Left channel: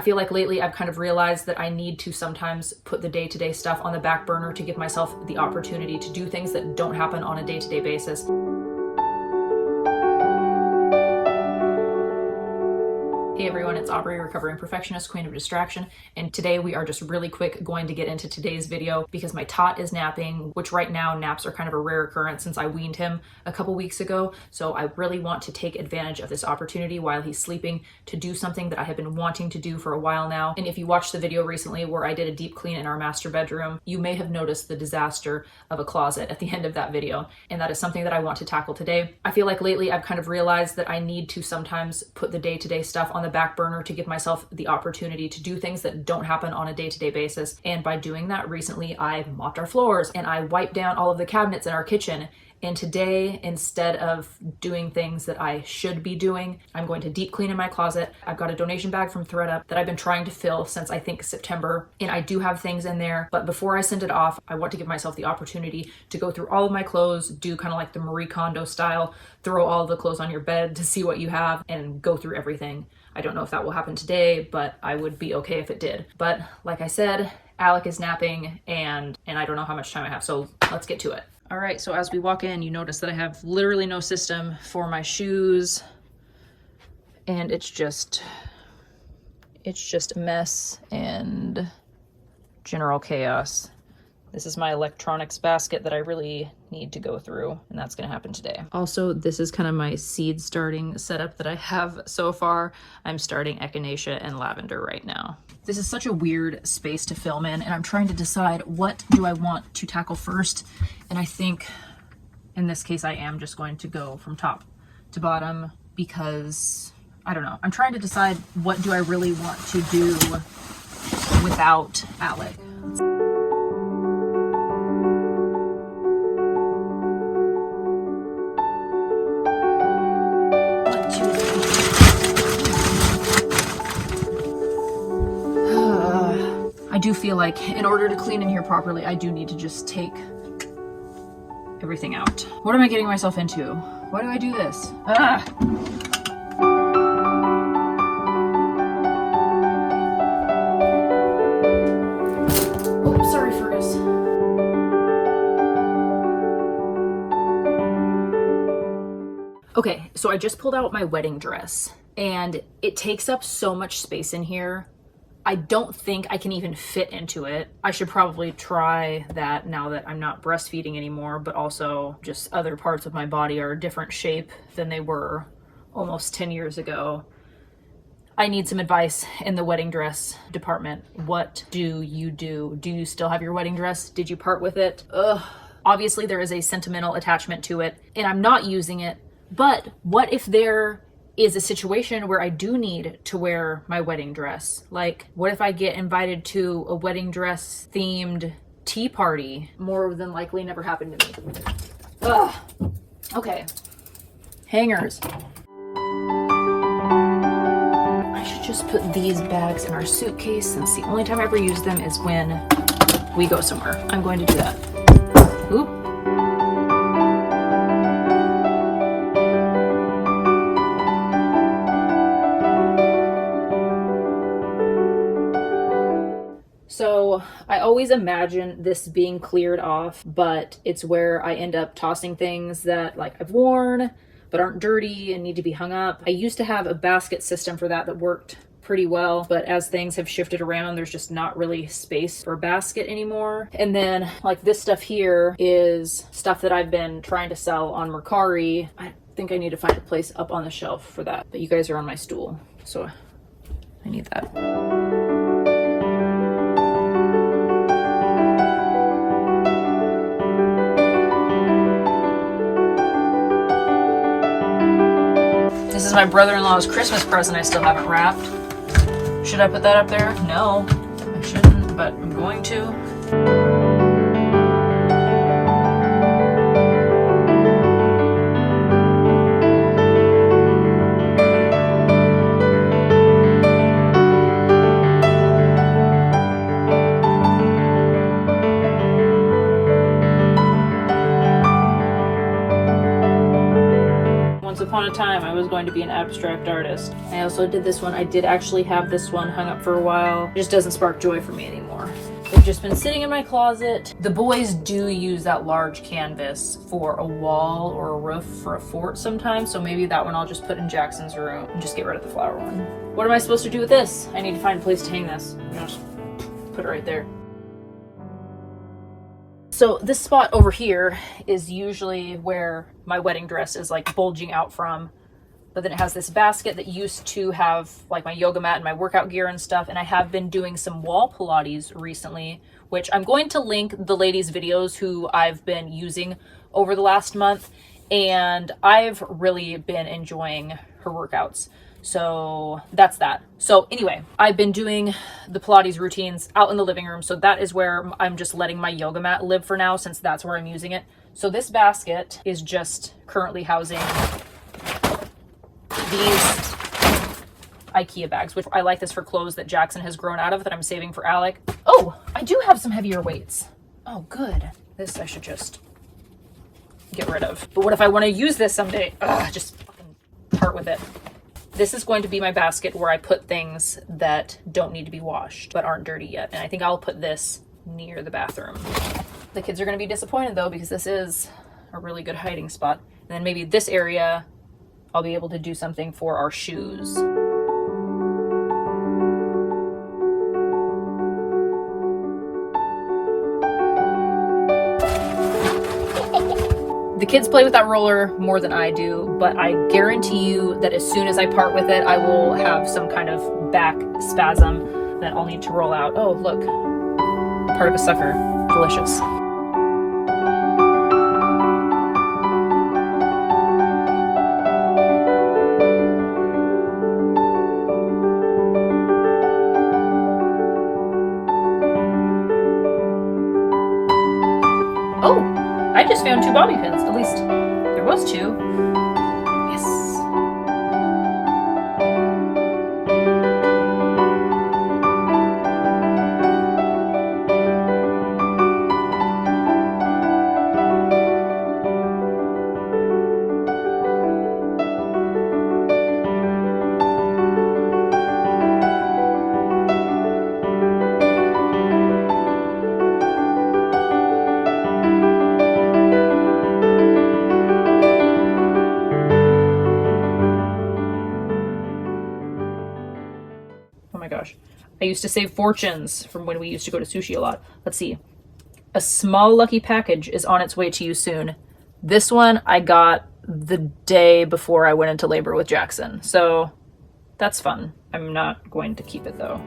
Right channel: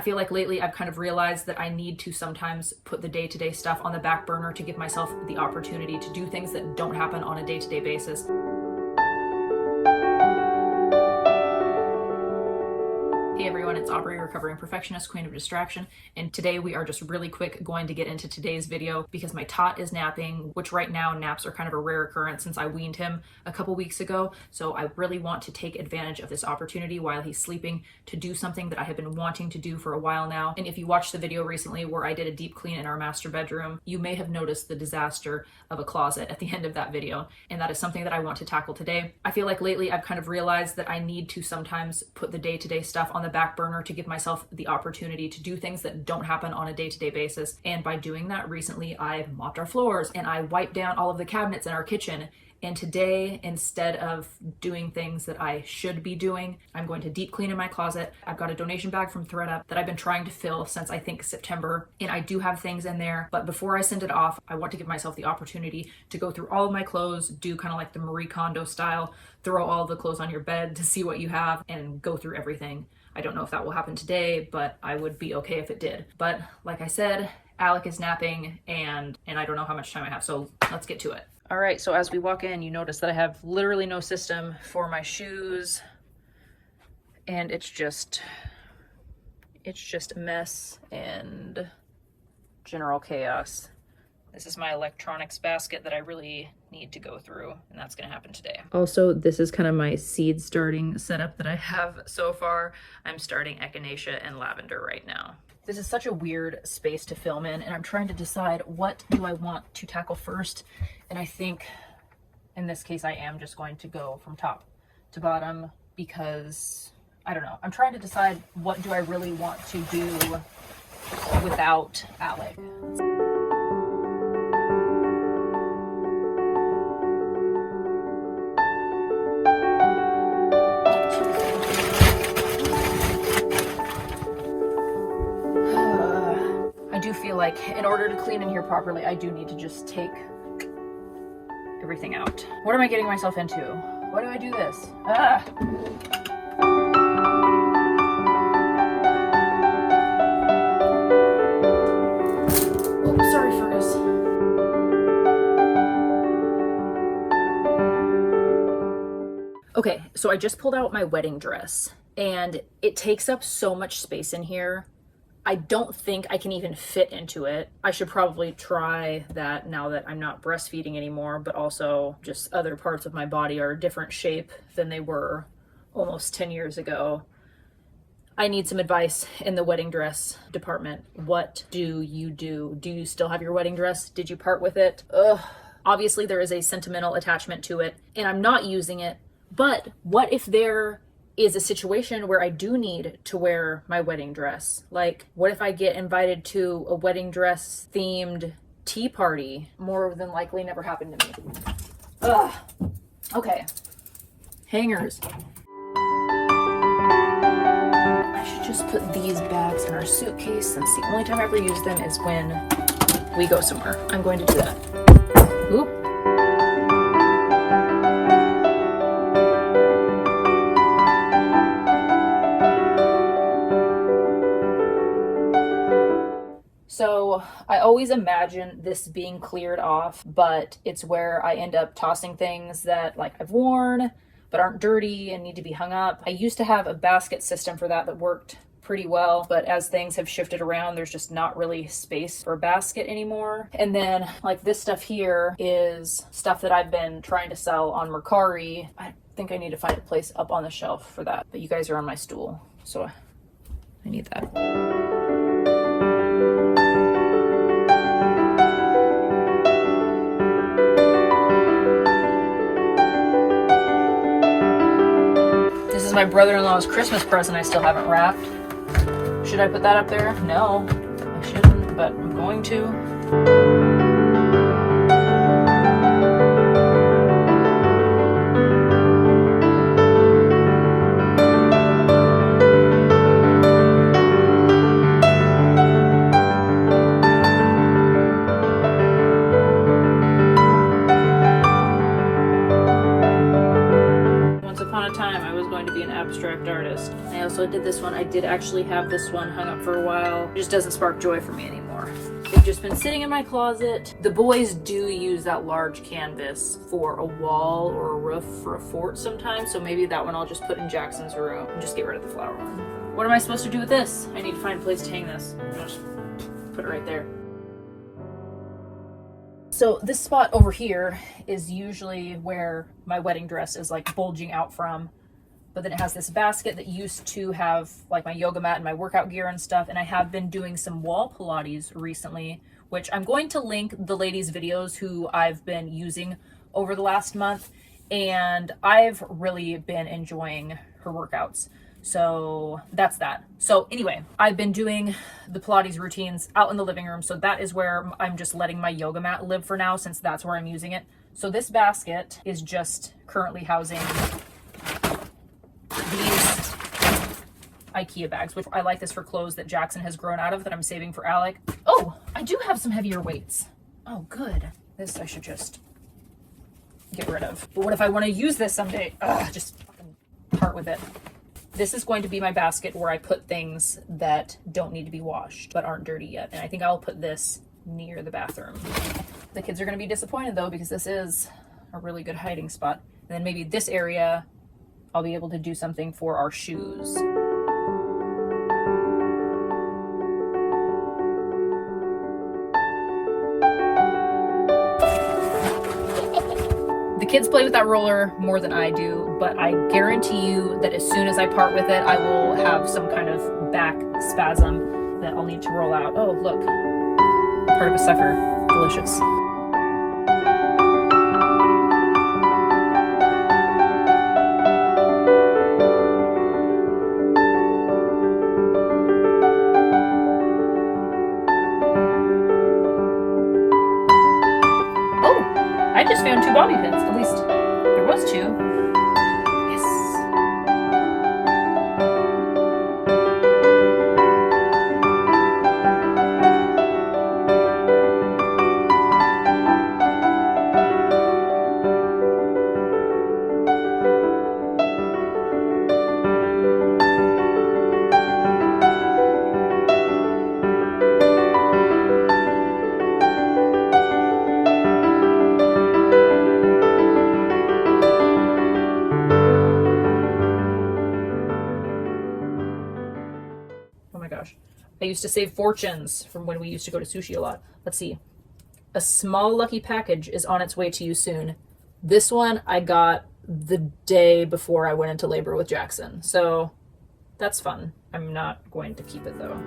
I feel like lately I've kind of realized that I need to sometimes put the day-to-day stuff on the back burner to give myself the opportunity to do things that don't happen on a day-to-day basis. Hey everyone, it's Aubrey, recovering perfectionist, queen of distraction, and today we are just really quick going to get into today's video because my tot is napping, which right now naps are kind of a rare occurrence since I weaned him a couple weeks ago. So I really want to take advantage of this opportunity while he's sleeping to do something that I have been wanting to do for a while now. And if you watched the video recently where I did a deep clean in our master bedroom, you may have noticed the disaster of a closet at the end of that video. And that is something that I want to tackle today. I feel like lately I've kind of realized that I need to sometimes put the day-to-day stuff on the back burner to give myself the opportunity to do things that don't happen on a day-to-day basis. And by doing that, recently I mopped our floors and I wiped down all of the cabinets in our kitchen. And today, instead of doing things that I should be doing, I'm going to deep clean in my closet. I've got a donation bag from ThredUp that I've been trying to fill since I think September, and I do have things in there. But before I send it off, I want to give myself the opportunity to go through all of my clothes, do kind of like the Marie Kondo style, throw all the clothes on your bed to see what you have and go through everything. I don't know if that will happen today, but I would be okay if it did. But like I said, Alec is napping and I don't know how much time I have, so let's get to it. All right, so as we walk in, you notice that I have literally no system for my shoes, and it's just a mess and general chaos. This is my electronics basket that I really need to go through, and that's gonna happen today. Also, this is kind of my seed starting setup that I have so far. I'm starting echinacea and lavender right now. This is such a weird space to film in, and I'm trying to decide what do I want to tackle first. And I think in this case, I am just going to go from top to bottom because I don't know. I'm trying to decide what do I really want to do without Alec. I do feel like in order to clean in here properly, I do need to just take everything out. What am I getting myself into? Why do I do this? Ah! Oh, sorry, Fergus. Okay, so I just pulled out my wedding dress, and it takes up so much space in here. I don't think I can even fit into it. I should probably try that now that I'm not breastfeeding anymore, but also just other parts of my body are a different shape than they were almost 10 years ago. I need some advice in the wedding dress department. What do you do? Do you still have your wedding dress? Did you part with it? Ugh. Obviously there is a sentimental attachment to it and I'm not using it, but what if there is a situation where I do need to wear my wedding dress? Like, what if I get invited to a wedding dress themed tea party? More than likely never happened to me. Ugh. Okay. Hangers. I should just put these bags in our suitcase since the only time I ever use them is when we go somewhere. I'm going to do that. Oop. So I always imagine this being cleared off, but it's where I end up tossing things that like I've worn but aren't dirty and need to be hung up. I used to have a basket system for that worked pretty well, but as things have shifted around, there's just not really space for a basket anymore. And then like this stuff here is stuff that I've been trying to sell on Mercari. I think I need to find a place up on the shelf for that, but you guys are on my stool, so I need that. This is my brother-in-law's Christmas present I still haven't wrapped. Should I put that up there? No, I shouldn't, but I'm going to. Once upon a time, I was going going to be an abstract artist. I also did this one. I did actually have this one hung up for a while. It just doesn't spark joy for me anymore. It's just been sitting in my closet. The boys do use that large canvas for a wall or a roof for a fort sometimes, so maybe that one I'll just put in Jackson's room and just get rid of the flower one. What am I supposed to do with this? I need to find a place to hang this. I'll just put it right there. So this spot over here is usually where my wedding dress is like bulging out from. But then it has this basket that used to have like my yoga mat and my workout gear and stuff. And I have been doing some wall Pilates recently, which I'm going to link the ladies' videos who I've been using over the last month. And I've really been enjoying her workouts. So that's that. So anyway, I've been doing the Pilates routines out in the living room. So that is where I'm just letting my yoga mat live for now, since that's where I'm using it. So this basket is just currently housing these IKEA bags, which I like this for clothes that Jackson has grown out of that I'm saving for Alec. Oh, I do have some heavier weights. Oh, good. This I should just get rid of. But what if I want to use this someday? Ugh, just fucking part with it. This is going to be my basket where I put things that don't need to be washed but aren't dirty yet. And I think I'll put this near the bathroom. The kids are going to be disappointed though, because this is a really good hiding spot. And then maybe this area, I'll be able to do something for our shoes. The kids play with that roller more than I do, but I guarantee you that as soon as I part with it, I will have some kind of back spasm that I'll need to roll out. Oh, look, part of a sucker. Delicious. I just found 2 bobby pins. At least there was 2. Yes. I used to save fortunes from when we used to go to sushi a lot. Let's see. A small lucky package is on its way to you soon. This one I got the day before I went into labor with Jackson. So that's fun. I'm not going to keep it though.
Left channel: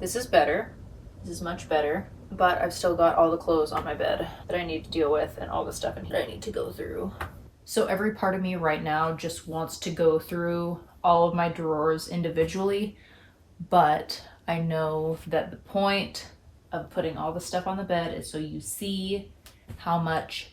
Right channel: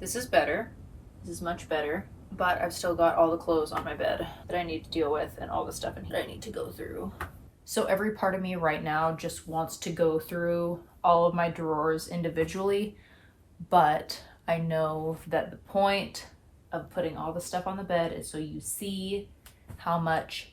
This is better. This is much better. But I've still got all the clothes on my bed that I need to deal with and all the stuff in here I need to go through. So every part of me right now just wants to go through all of my drawers individually, but I know that the point of putting all the stuff on the bed is so you see how much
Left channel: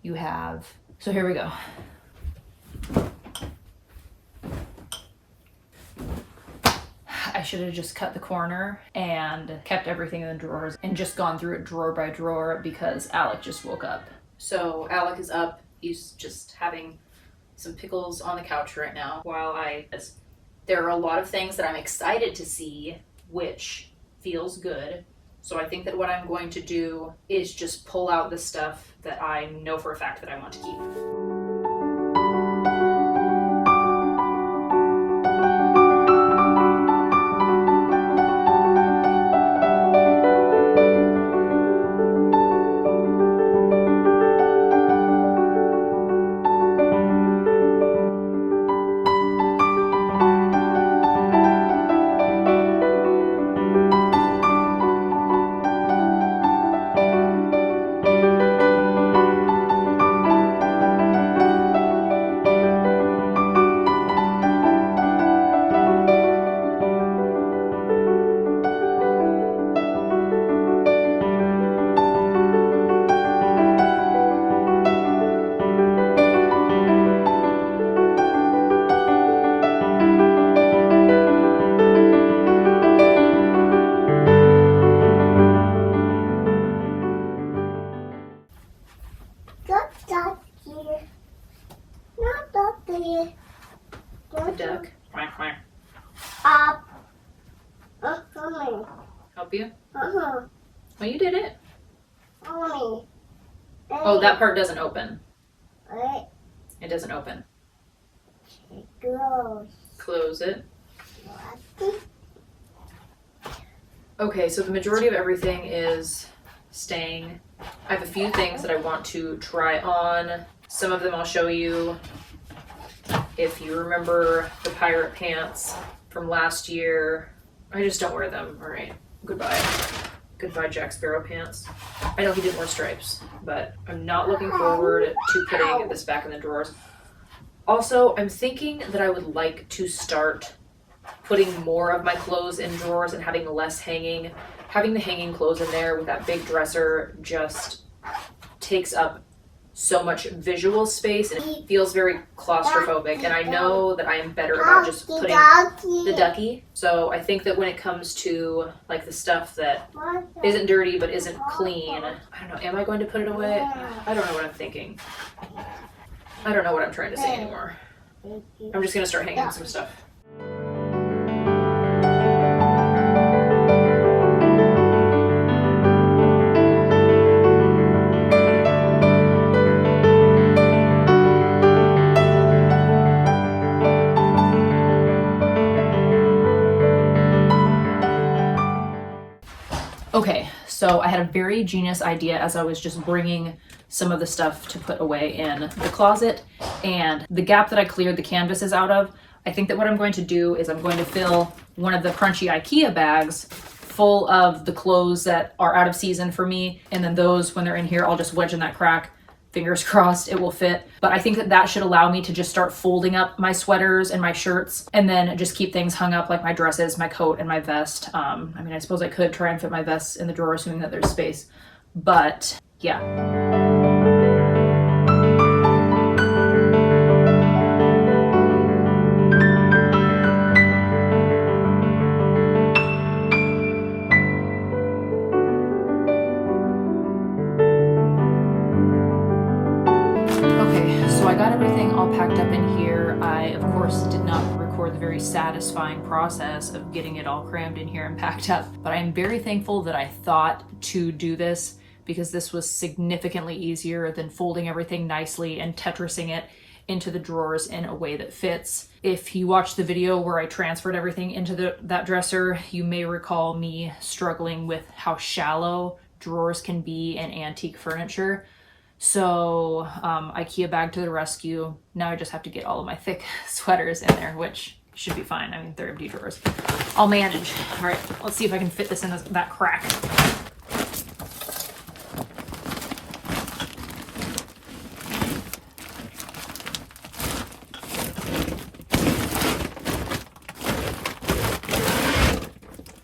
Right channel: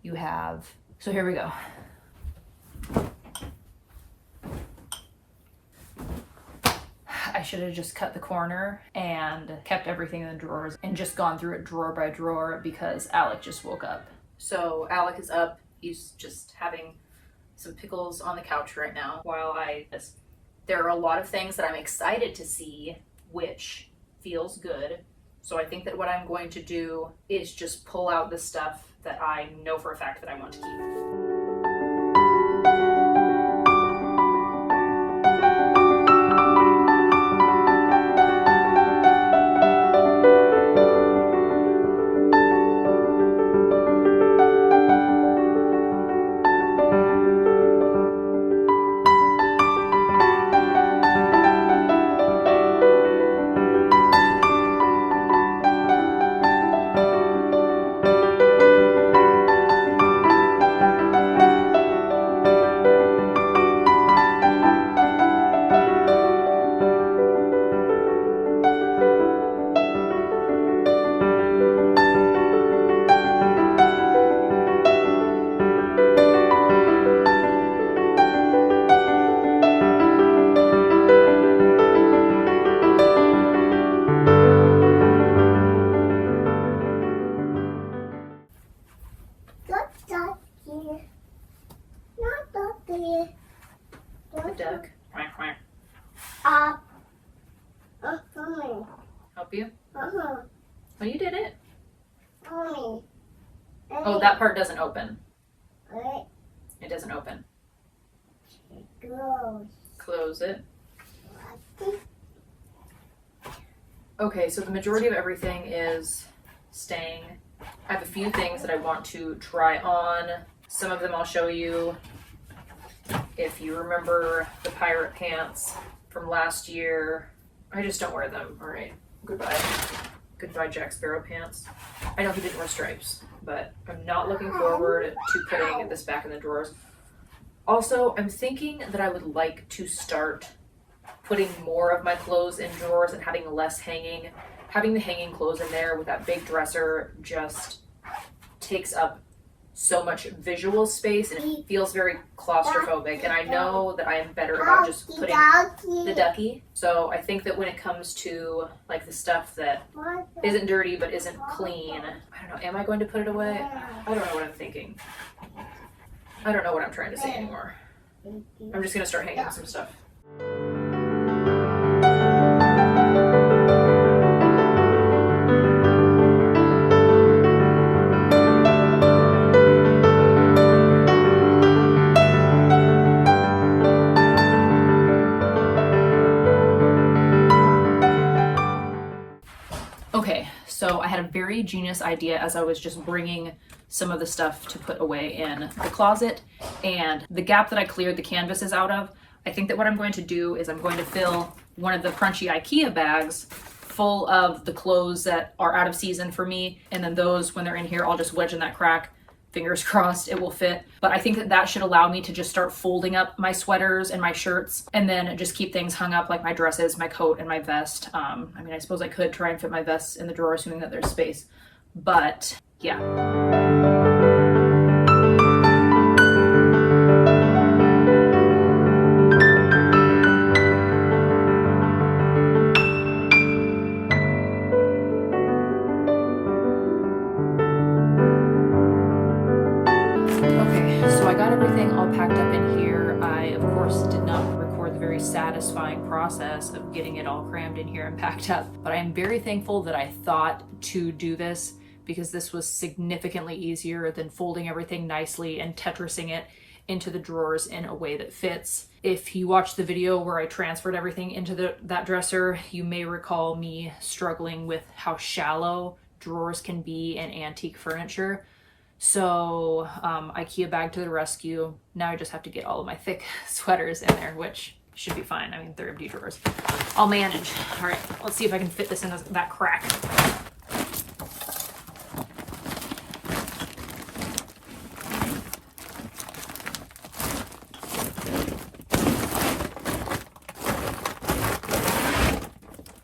you have. So here we go. I should have just cut the corner and kept everything in the drawers and just gone through it drawer by drawer because Alec just woke up. So Alec is up. He's just having some pickles on the couch right now while there are a lot of things that I'm excited to see, which feels good. So I think that what I'm going to do is just pull out the stuff that I know for a fact that I want to keep. The duck. Quack, quack. Help you? Oh, you did it. Oh, that part doesn't open. It doesn't open. Close it. Okay, so the majority of everything is staying. I have a few things that I want to try on. Some of them I'll show you. If you remember the pirate pants from last year, I just don't wear them. All right, goodbye. Goodbye, Jack Sparrow pants. I know he didn't wear stripes, but I'm not looking forward to putting this back in the drawers. Also, I'm thinking that I would like to start putting more of my clothes in drawers and having less hanging. Having the hanging clothes in there with that big dresser just takes up so much visual space and it feels very claustrophobic, and I know that I am better about just putting the ducky. So I think that when it comes to like the stuff that isn't dirty but isn't clean, I don't know, am I going to put it away? I don't know what I'm thinking. I don't know what I'm trying to say anymore. I'm just gonna start hanging some stuff. Okay, so I had a very genius idea as I was just bringing some of the stuff to put away in the closet, and the gap that I cleared the canvases out of, I think that what I'm going to do is I'm going to fill one of the crunchy IKEA bags full of the clothes that are out of season for me, and then those, when they're in here, I'll just wedge in that crack. Fingers crossed it will fit. But I think that that should allow me to just start folding up my sweaters and my shirts and then just keep things hung up like my dresses, my coat, and my vest. I mean, I suppose I could try and fit my vests in the drawer assuming that there's space, but yeah. I got everything all packed up in here. I, of course, did not record the very satisfying process of getting it all crammed in here and packed up, but I am very thankful that I thought to do this because this was significantly easier than folding everything nicely and Tetrising it into the drawers in a way that fits. If you watched the video where I transferred everything into that dresser, you may recall me struggling with how shallow drawers can be in antique furniture. So IKEA bag to the rescue. Now I just have to get all of my thick sweaters in there, which should be fine. I mean, they're empty drawers. I'll manage. All right, let's see if I can fit this in that crack.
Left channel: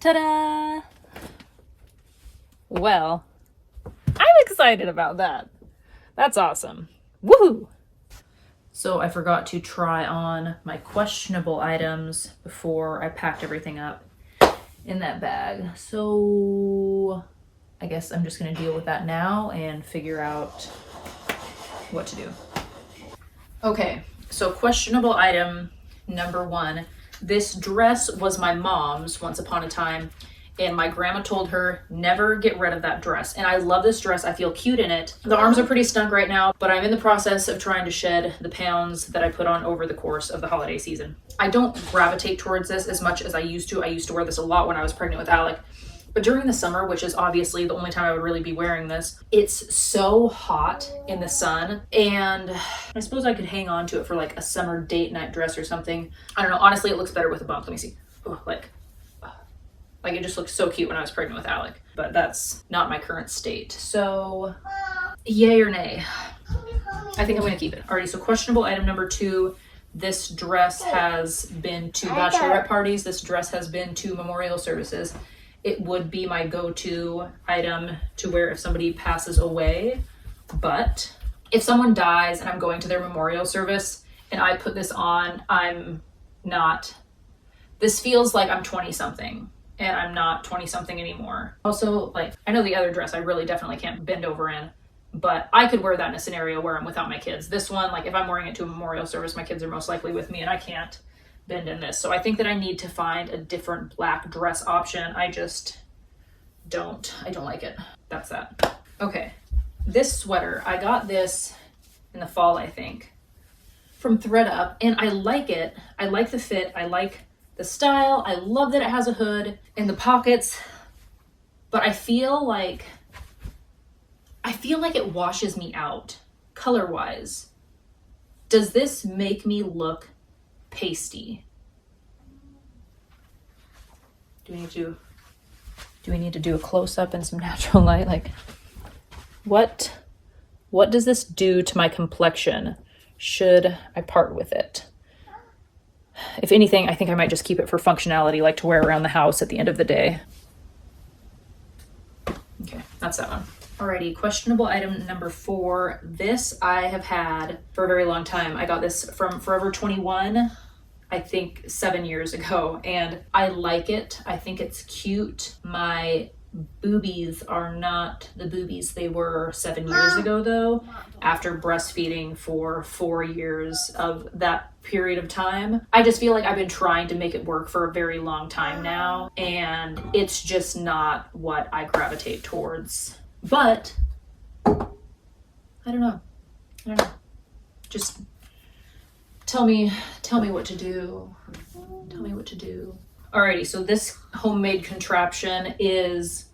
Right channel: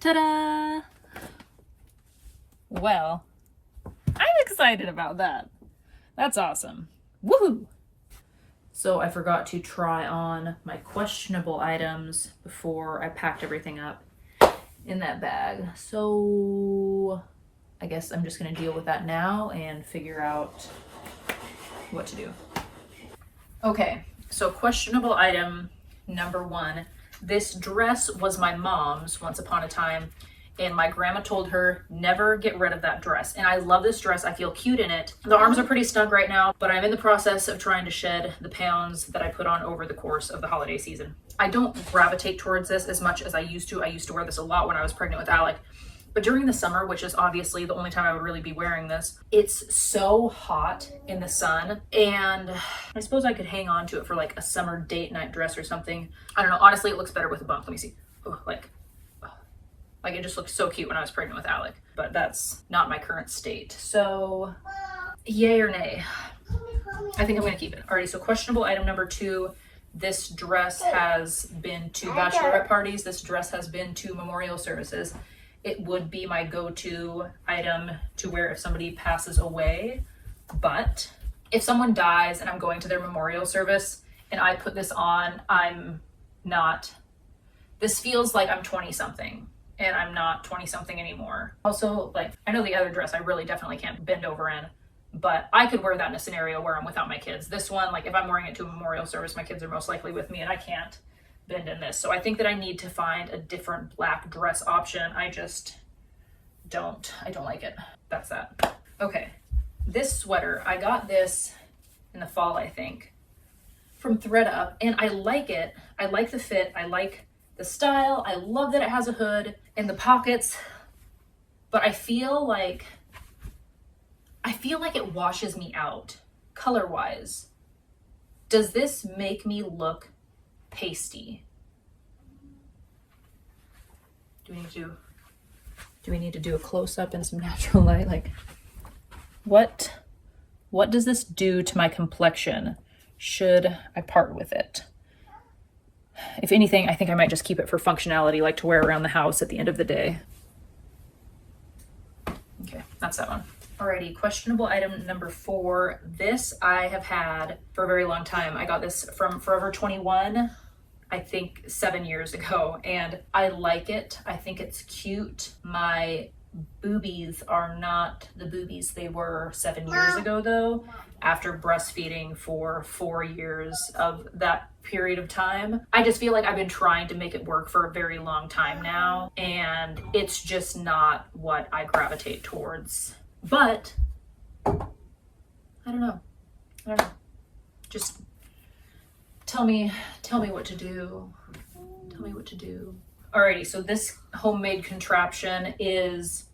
Ta-da! Well, I'm excited about that. That's awesome. Woohoo! So I forgot to try on my questionable items before I packed everything up in that bag. So I guess I'm just gonna deal with that now and figure out what to do. Okay, so questionable item number one. This dress was my mom's once upon a time, and my grandma told her never get rid of that dress. And I love this dress. I feel cute in it. The arms are pretty snug right now, but I'm in the process of trying to shed the pounds that I put on over the course of the holiday season. I don't gravitate towards this as much as I used to. I used to wear this a lot when I was pregnant with Alec. But during the summer, which is obviously the only time I would really be wearing this, it's so hot in the sun. And I suppose I could hang on to it for like a summer date night dress or something. I don't know. Honestly, it looks better with a bump. Let me see. Oh, like it just looked so cute when I was pregnant with Alec. But that's not my current state. So yay or nay? I think I'm going to keep it. Alrighty, so questionable item number 2. This dress has been to bachelorette parties. This dress has been to memorial services. It would be my go-to item to wear if somebody passes away. But if someone dies and I'm going to their memorial service and I put this on, this feels like I'm 20 something and I'm not 20 something anymore. Also, like, I know the other dress I really definitely can't bend over in, but I could wear that in a scenario where I'm without my kids. This one, like if I'm wearing it to a memorial service, my kids are most likely with me and I can't bend in this. So I think that I need to find a different black dress option. I don't like it. That's that. Okay, this sweater, I got this in the fall, I think, from ThreadUp, and I like it. I like the fit. I like the style. I love that it has a hood and the pockets, but I feel like it washes me out color-wise. Does this make me look pasty? Do we need to do a close-up in some natural light? Like, what does this do to my complexion? Should I part with it? If anything, I think I might just keep it for functionality, like to wear around the house at the end of the day. Okay, that's that one. Alrighty, questionable item number 4. This I have had for a very long time. I got this from Forever 21, I think 7 years ago, and I like it. I think it's cute. My boobies are not the boobies they were 7 years ago though, after breastfeeding for 4 years of that period of time. I just feel like I've been trying to make it work for a very long time now, and it's just not what I gravitate towards. But I don't know. Just tell me what to do. Tell me what to do. Alrighty, so this homemade contraption is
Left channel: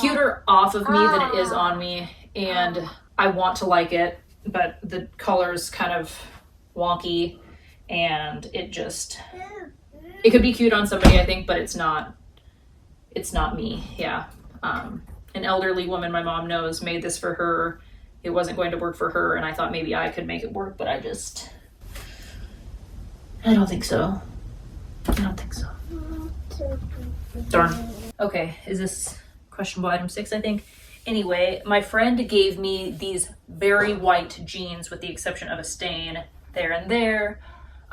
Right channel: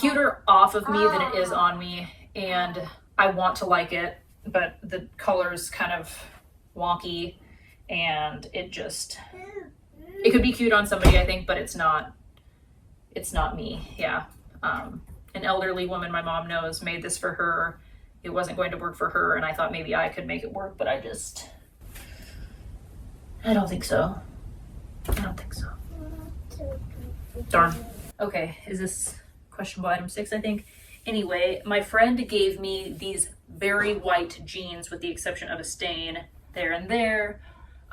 cuter off of me than it is on me, and I want to like it, but the color's kind of wonky, and it could be cute on somebody, I think, but it's not me. Yeah. An elderly woman my mom knows made this for her. It wasn't going to work for her, and I thought maybe I could make it work, but I don't think so. Darn. Okay, is this questionable item 6, I think? Anyway, my friend gave me these very white jeans with the exception of a stain there and there.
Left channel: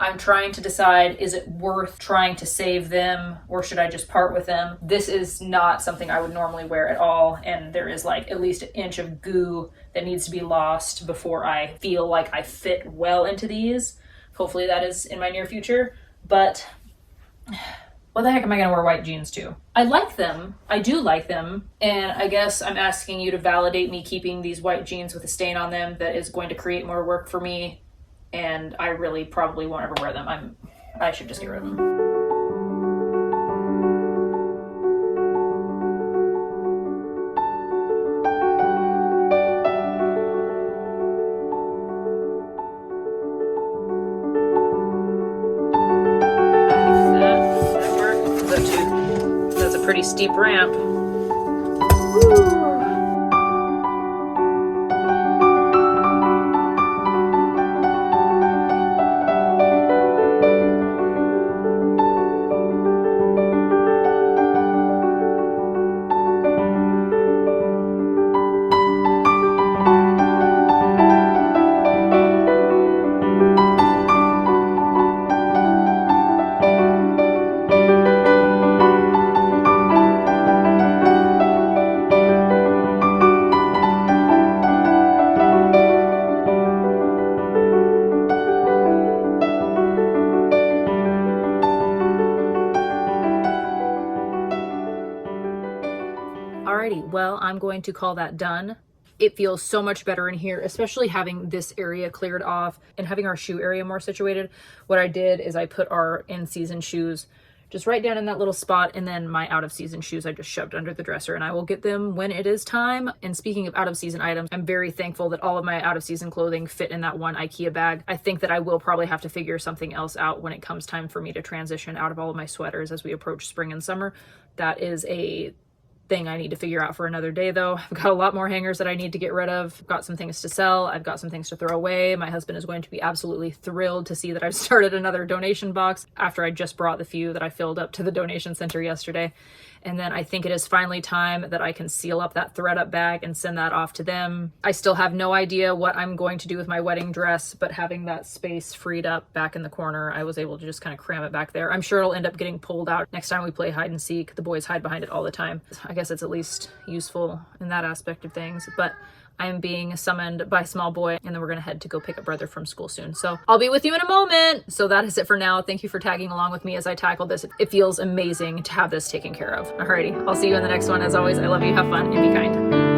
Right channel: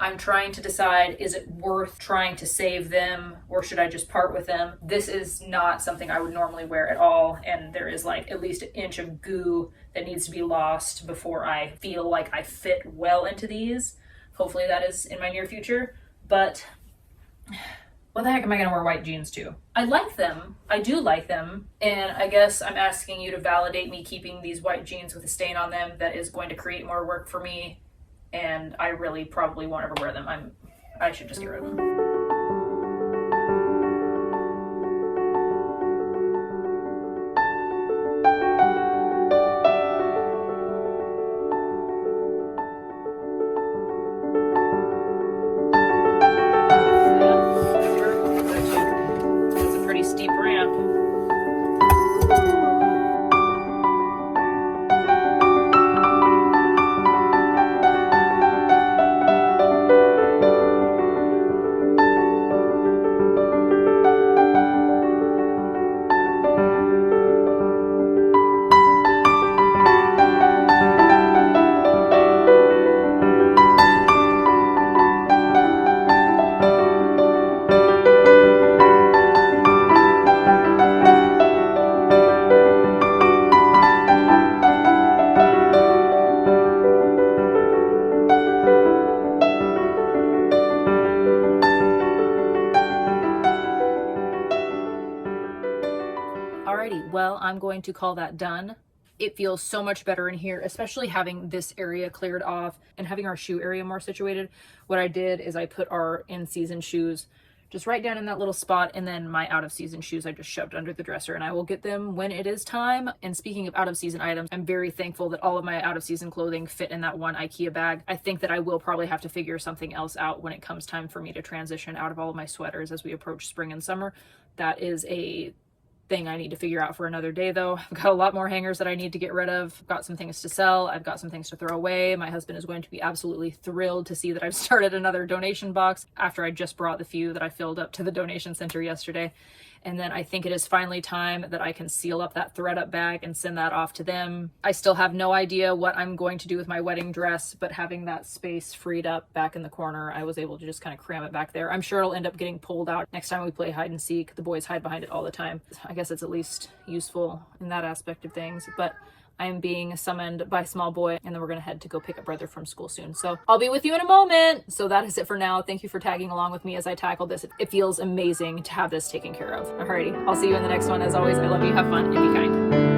I'm trying to decide, is it worth trying to save them or should I just part with them? This is not something I would normally wear at all, and there is like at least an inch of goo that needs to be lost before I feel like I fit well into these. Hopefully that is in my near future, but what the heck am I gonna wear white jeans to? I like them, I do like them, and I guess I'm asking you to validate me keeping these white jeans with a stain on them that is going to create more work for me, and I really probably won't ever wear them. I should just get rid of them. That's a pretty steep ramp. well, I'm going to call that done. It feels so much better in here, especially having this area cleared off and having our shoe area more situated. What I did is I put our in-season shoes just right down in that little spot, and then my out-of-season shoes I just shoved under the dresser, and I will get them when it is time. And speaking of out-of-season items, I'm very thankful that all of my out-of-season clothing fit in that one IKEA bag. I think that I will probably have to figure something else out when it comes time for me to transition out of all of my sweaters as we approach spring and summer. That is a thing I need to figure out for another day, though. I've got a lot more hangers that I need to get rid of. I've got some things to sell. I've got some things to throw away. My husband is going to be absolutely thrilled to see that I've started another donation box after I just brought the few that I filled up to the donation center yesterday. And then I think it is finally time that I can seal up that ThredUp bag and send that off to them. I still have no idea what I'm going to do with my wedding dress, but having that space freed up back in the corner, I was able to just kind of cram it back there. I'm sure it'll end up getting pulled out next time we play hide and seek. The boys hide behind it all the time. I guess it's at least useful in that aspect of things, but I'm being summoned by small boy, and then we're gonna head to go pick up brother from school soon. So I'll be with you in a moment. So that is it for now. Thank you for tagging along with me as I tackle this. It feels amazing to have this taken care of. Alrighty, I'll see you in the next one. As always, I love you, have fun, and be kind.